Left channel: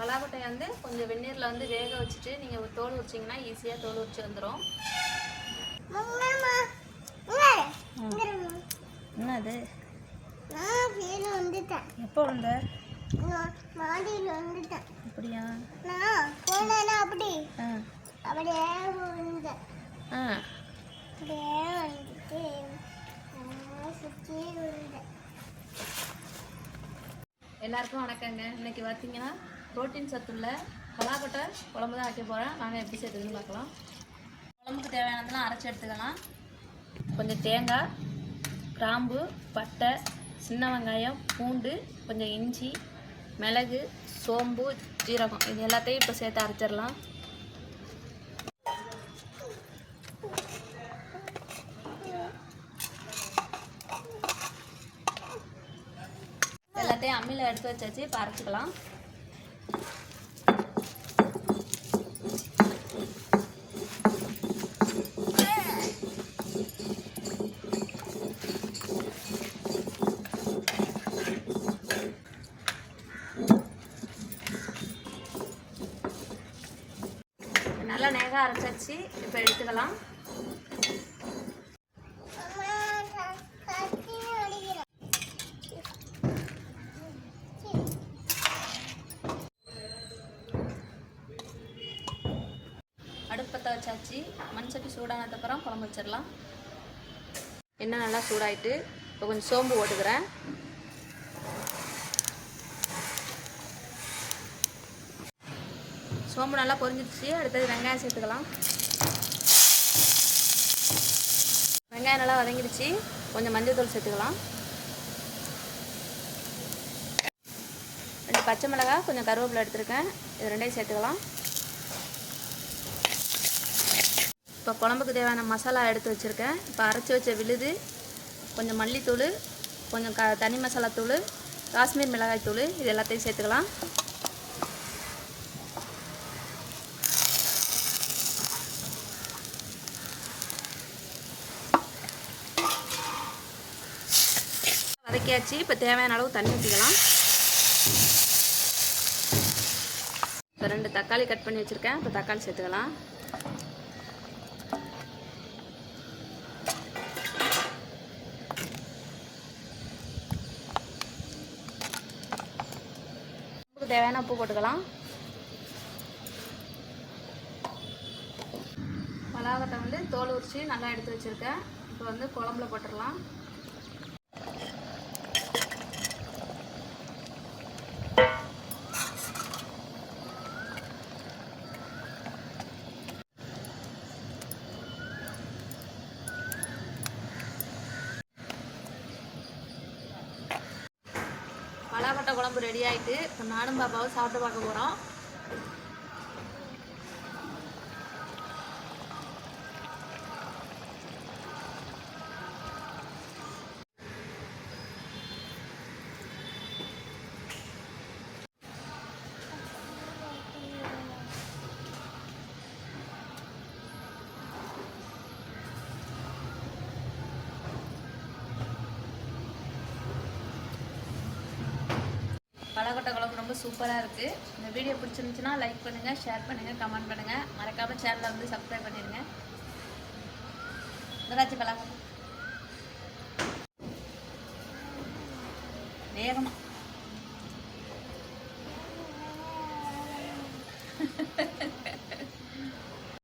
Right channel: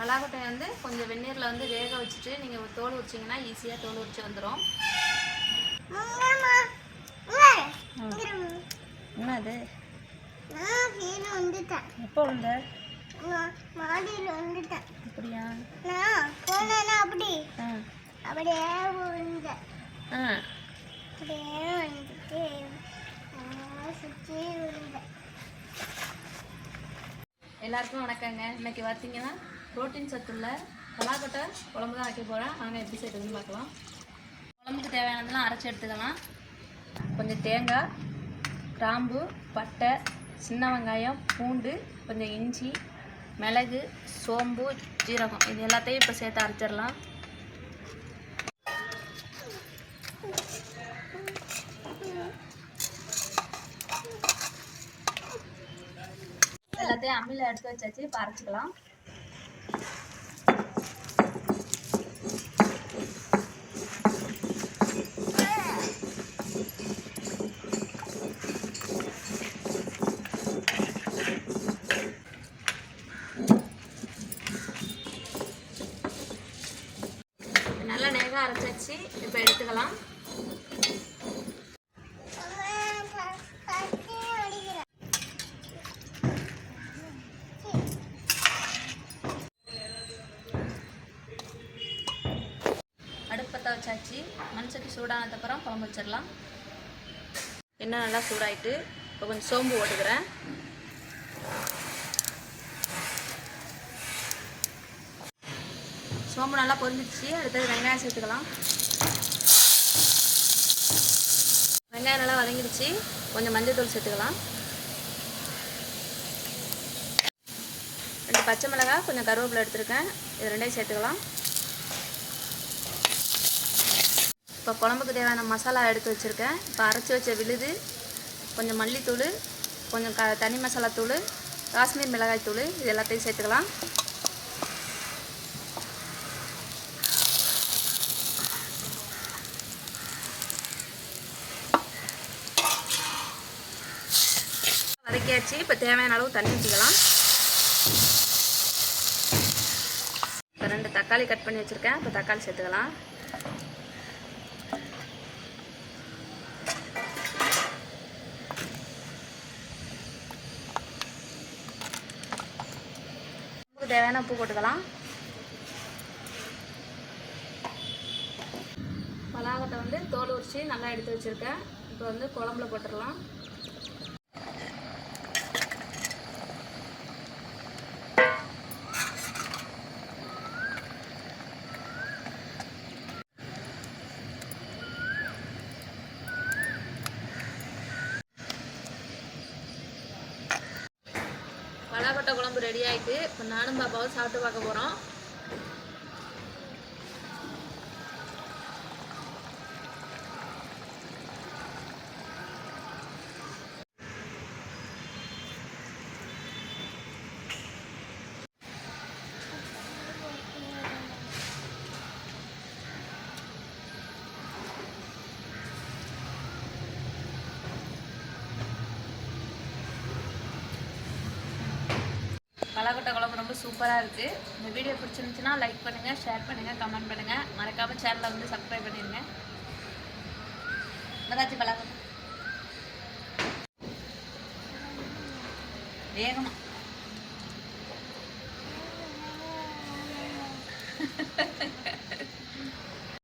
பலாக்கொட்டையை வந்து கொஞ்சம் வெந்நீரில் வந்து வேக வச்சுட்டு நீங்கள் தோல் உரிச்சிங்கன்னா ஈஸியாக தோல் உரிச்சு வந்துடும் என்னது? எப்போ வந்த? மாடியில் வந்துட்டேன். அப்படியா? நான் போனேன்னா அப்படி. ஆ. அப்படியே விழுந்தேன். ஆ. அப்படியே வந்துட்டு நான் சுற்றி விழுந்தேன் எல்லாருக்கும் வணக்கங்க. இன்னைக்கு பார்த்தீங்கன்னா புரோட்டீன் சத்துள்ள பலாக்கொட்டை குழம்பு தான் வைக்க போகிறேன் வாங்க எப்படி செய்யுதுன்னு பார்க்கலாம். குழம்புக்கு தேவையானதெல்லாம் அரைச்சி எடுத்துக்கலாம். கொஞ்சம் தேங்காய் கிராம்பு பட்டை சின்ன வெங்காயம் பூண்டு கொஞ்சம் இஞ்சி மிளகு சோம்பு ஜீரகம். இது எல்லாத்தையும் இப்போ சேர்த்து அரைச்சிடலாம். எல்லாத்தையும் அம்மியில் எடுத்து வச்சாச்சு. இப்போ அரைச்சிக்கலாம். நல்லா நேராக அரைச்சாச்சு. இப்போ எடுத்துக்கலாம். அடுப்பத்தை வச்சாச்சு. மண் சட்டி சூடானதுக்கப்புறம் குழம்பு வச்சிடலாம். இன்னும் நல்லா சூடாயிட்டு இப்போ கொஞ்சம் சோம்பு ஓட்டுக்கிறேன் சோம்பு நல்லா பொரிஞ்சிச்சு அடுத்தது வெங்காயம் சேர்த்துக்கலாம். வெங்காயம் நல்லா வதங்கிடுச்சு. கொஞ்சம் மஞ்சள் தூள் சேர்த்துக்கலாம். ரெண்டு பச்சை மிளகாய் கொஞ்சம் கருவேப்பிலை எடுத்துருக்கேன். இது ரெண்டையும் சேர்த்துக்கலாம். இப்போ குழம்புக்கு தேவையான மசாலா எடுத்து வச்சுருக்கேன். இப்போ அரைச்சி வச்ச விழுது கொஞ்சம் மல்லித்தூள் கொஞ்சம் க தனி மசாலா தூள் காஷ்மீர் மிளகாய் தூள் இது எல்லாத்தையும் சேர்த்துக்கலாம். வதக்கியாச்சு இப்போ தேவையான அளவு தண்ணி ஊற்றிக்கலாம் இப்போ ரெண்டு தக்காளி கட் பண்ணி வச்சுருக்கேன். இப்போ தக்காளி சேர்த்துக்கலாம். தேவையான உப்பு போட்டுக்கலாம். பலாகத்தை வந்து தோல் உரித்து நல்லா எடுத்து வச்சுருக்கேன். இப்போ வந்து குழம்புல போட்டுடலாம். பலாக்கொட்டை குழம்பு ரெடி ஆயிட்டு இப்போ நானும் பாப்பாவும் சாப்பிட்டு பார்க்க போகிறோம் பலாக்கொட்டை குழம்பு ரொம்ப சூப்பராக இருக்குது இந்த வீடியோ பிடிச்சிருந்துச்சுன்னா லைக் பண்ணுங்கள் ஷேர் பண்ணுங்கள் கமெண்ட் பண்ணுங்கள் மறக்காமல் சேனலை வந்து சப்ஸ்கிரைப் பண்ணிடுங்க மதாச்சி பழக்கம். வேகமாக